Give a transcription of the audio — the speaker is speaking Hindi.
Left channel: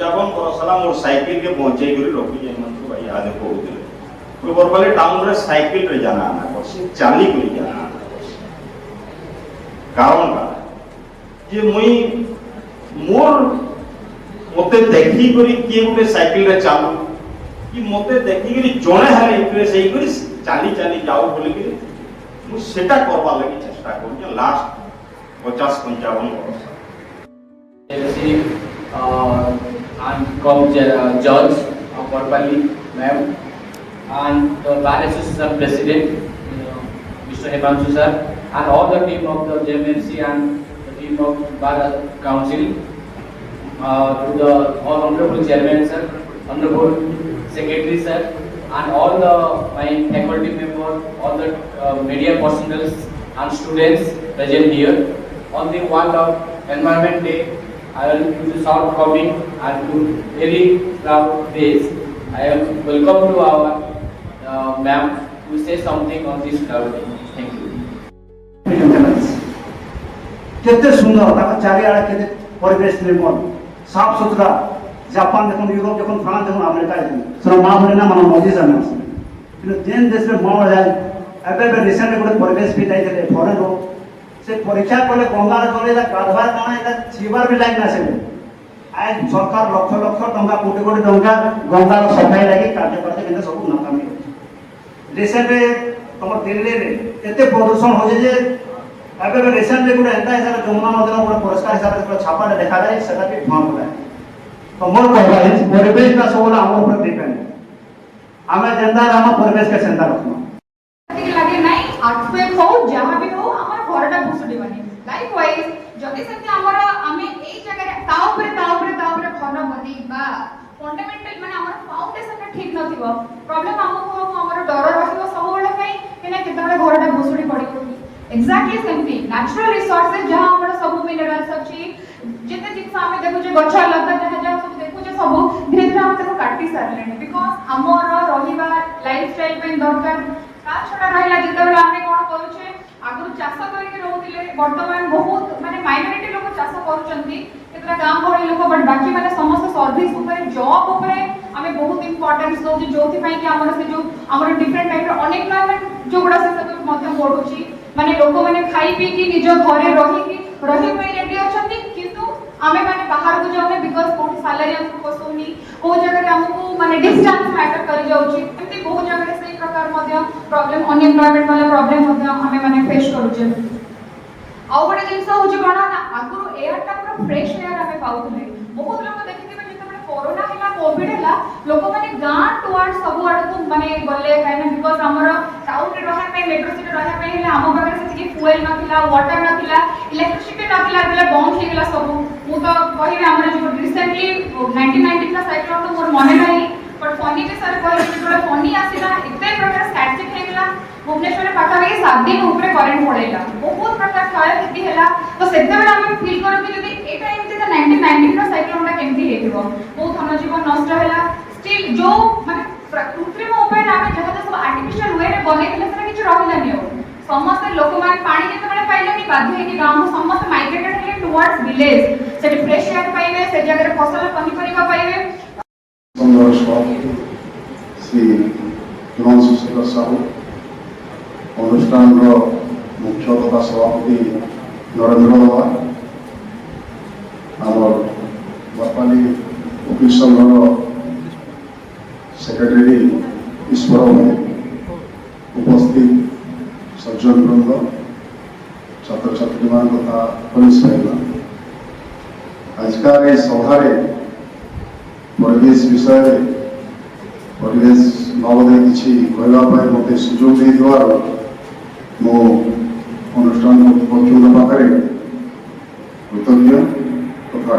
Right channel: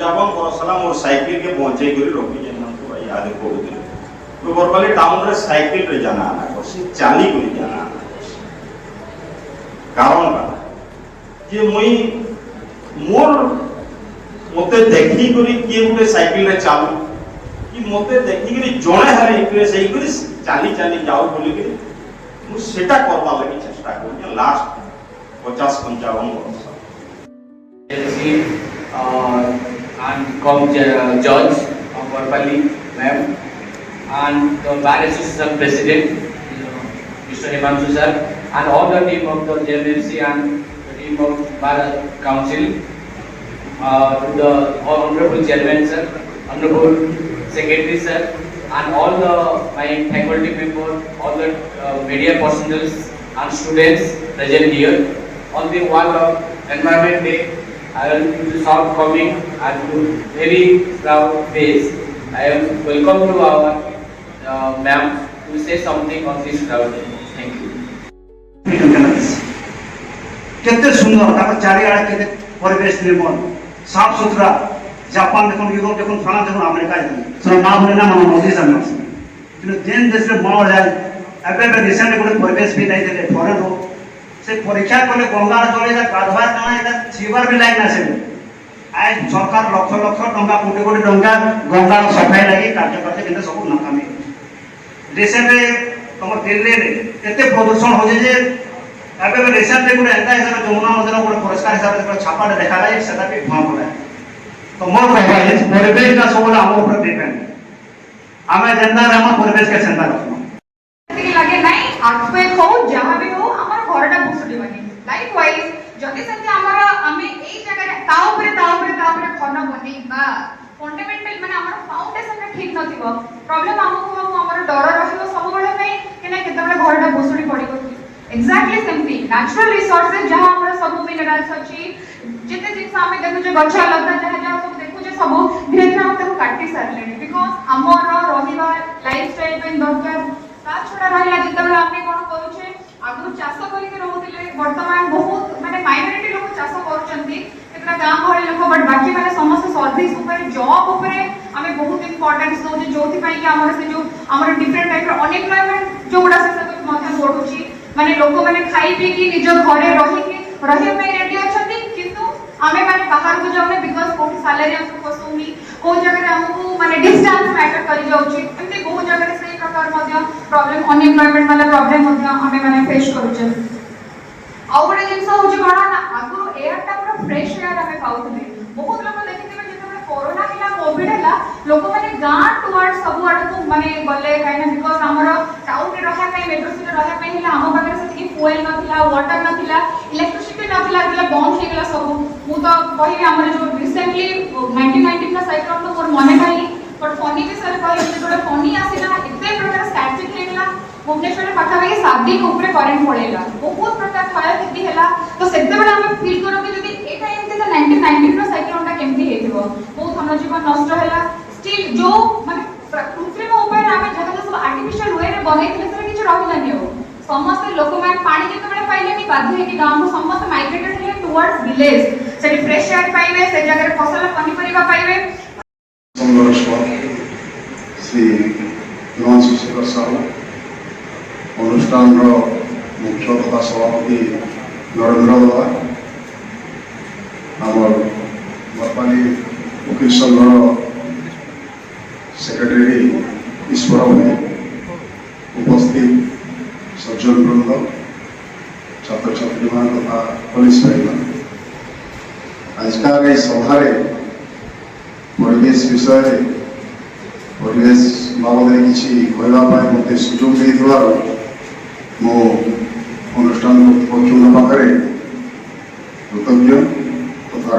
पंचावन वर्ष मोर साइकिल के पहुंचे कर रखी भाई याद कहते तो बरपाली टाउन रे साइकिल रे जाना आना करसी चाली कर जाना आना करसी कारण का जे मुई मोर मते देखी करी के गुटे साइकिल रे चालू कि मते देखी करी जणे हरे इंटरेस्ट हेई करी चाली चाली जाऊ बोली के मु सेटा करबा लागि चेष्टा करी लास्ट 50-55 वर्ष I'm from George of Borpali, ma'am, and the Bar Association President, Mr. Himanshu sir, and all the team of the JMFC and the team of Bar Council, to the Honorable Chairman sir, Honorable Secretary sir, and all the my faculty members, all the media personnel and students present here on the one of Environment Day. I am to short coming and to very proud days. I am welcome to our ma'am to say something on this proud day. Thank you. केते सुंदर ताको चारियाडे केते परिवेश निर्मल साफ सुथरा जापान देखो यूरोप देखो फ्रांस देखो अमेरिका देखो सर मां होने ना मन मोदी सरकार किन जेन देश रे मां जाय एबे रिसेंट गोटे परिवेश भी नहीं देले फॉरेन हो से परीक्षा कले गंगार जले जा गाधवा काना एटा जीवर भी लाइन आसे आज सरकार लक्ष लक्ष टंका कोटी कोटी टंका गंगार सफाई लागि कार्य करते किंतु सब नाकामी रिसेंट तुम दिल्ली रे एते प्रदूषण हो जे एबे रिसेंट गोटे एंटा हिसाब जमुना नदीर गोटे पुरस्कार हिसाब से छापाटे देखा जाए सेटा भी भाव पड़ा तो मोर कहबा है परिवेश का सब हम ऊपर डिपेंड हमें जनता हम परिवेश के सेंटर रखना लगे नहीं आपे हो जहां भी हो हमर घरटा बुसुडी बने लाइक वाइज जदी से हमर हमें एई जगह ताऊरे फॉर्म बने बा फंडामेंटल माने हमर फाउंडेशन ठीक नथिबो प्रॉब्लम हमको हमर डर रहिबो सब बेले पई केना केतबे घरटा बुसुडी पड़िबो एग्जैक्टली सेमती नेचुरल रिसोर्सेस जहां हमर सब मिनरल्स अछि जिते जिंस हमें देखु जे गछ लगा जहां जहां सब देखु जे सब धीरे धीरे हम ताको काटी सारलेनी बिकॉज़ हमर रहिबा लाइफस्टाइल पे दरकार ता छोड़ा रहला जिते हमें कोन कहउछे आगु चाष करिके रहउतिले वर्तमान बहुत माने माइनॉरिटी लोक चाष करूचंती केतरा गाम भଳି लोक बट बाकी माने समस्त सर्विस ऊपर जॉब ऊपर हमें बहुत इंपोर्टेंस दो जे जोथि पई कि हमर से जो हमर डिफरेंट टाइप रो अनएम्प्लॉयमेंट जो बड़ा से सब मध्य बढ़ुची माने लोक माने खाई पी की निज घरे रही पे रेडी अछंती किंतु हमें माने बाहर को जावे बिकॉज़ कोठी सैलरी हमको पसंद नहीं को जगह हमको माने डिस्टेंस मैटर करि जाउची एते बहुत जगह से प्रकार मध्य प्रॉब्लम अनएम्प्लॉयमेंट वाला प्रॉब्लम मध्य हमें माने फेस करूचे आ बडे जिंस होची कोना ना आगु एयर टा पूरा फ्रेश एयर हमें पाउथले बहुत लोग देखिथिबे जेते कोरोना हिला कोविड हिला लोक माने गां टुवर्ड सब आड़ को माने गले काइना बिकॉज़ हमर टाउन रे रहै पे मेट्रो सिटी रहै पे हिला हम पाखरे से फ्यूल नथिला वाटर नथिला इलेक्ट्रिसिटी नथिला એટલે बंद થઈ ગલા सब હું તો કહી हमर जो रिसेंटली 1919 का साइक्लोन तो मोर मने नाही बट फनी जे सर कहि जेतोले फनी आसिला एते प्रकार स्टैटिक થઈ ગला भुवनेश्वर पाखा 7 दिन ऊपर करंट पड़ेला बहुत प्रकार क्षय क्षति हैला तो सेते बेला हम फील करो कि जदी ए टाइम ते 1919 का साइक्लोन ता केमती हेतिबो बहुत हम जीवन नष्ट हैला स्टिल जो माने कृत्रिम उपाय हमें जगह सब आर्टिफिशियल वे रे बने दिले सब किछ रहलानी हो समस्त लोक माने पानी केते बेला पाइले कि बाध्य कि गांव को समस्त माइग्रेटेड हेले टुवर्ड्स विलेज से फ्रेश एयर पाइबे से जगह रे फसल पनिपरिबा पाइबे नमस्कार श्री हिमांशु शेखर साहू अनुष्ठान मुख्य तथा सभापति नरेंद्र बाबा आम बरपाली वकील संघर सेक्रेटरी ईश्वर भाई उपस्थित सज्जन वृंद छात्र छात्री मान तथा पुलिस भाई आजकल सभार परिवेश विषय परिवेश बाबद किसी कहवाई मत सुजोग दे मो अनुष्ठान पक्षों पाखे कृतज्ञ तथा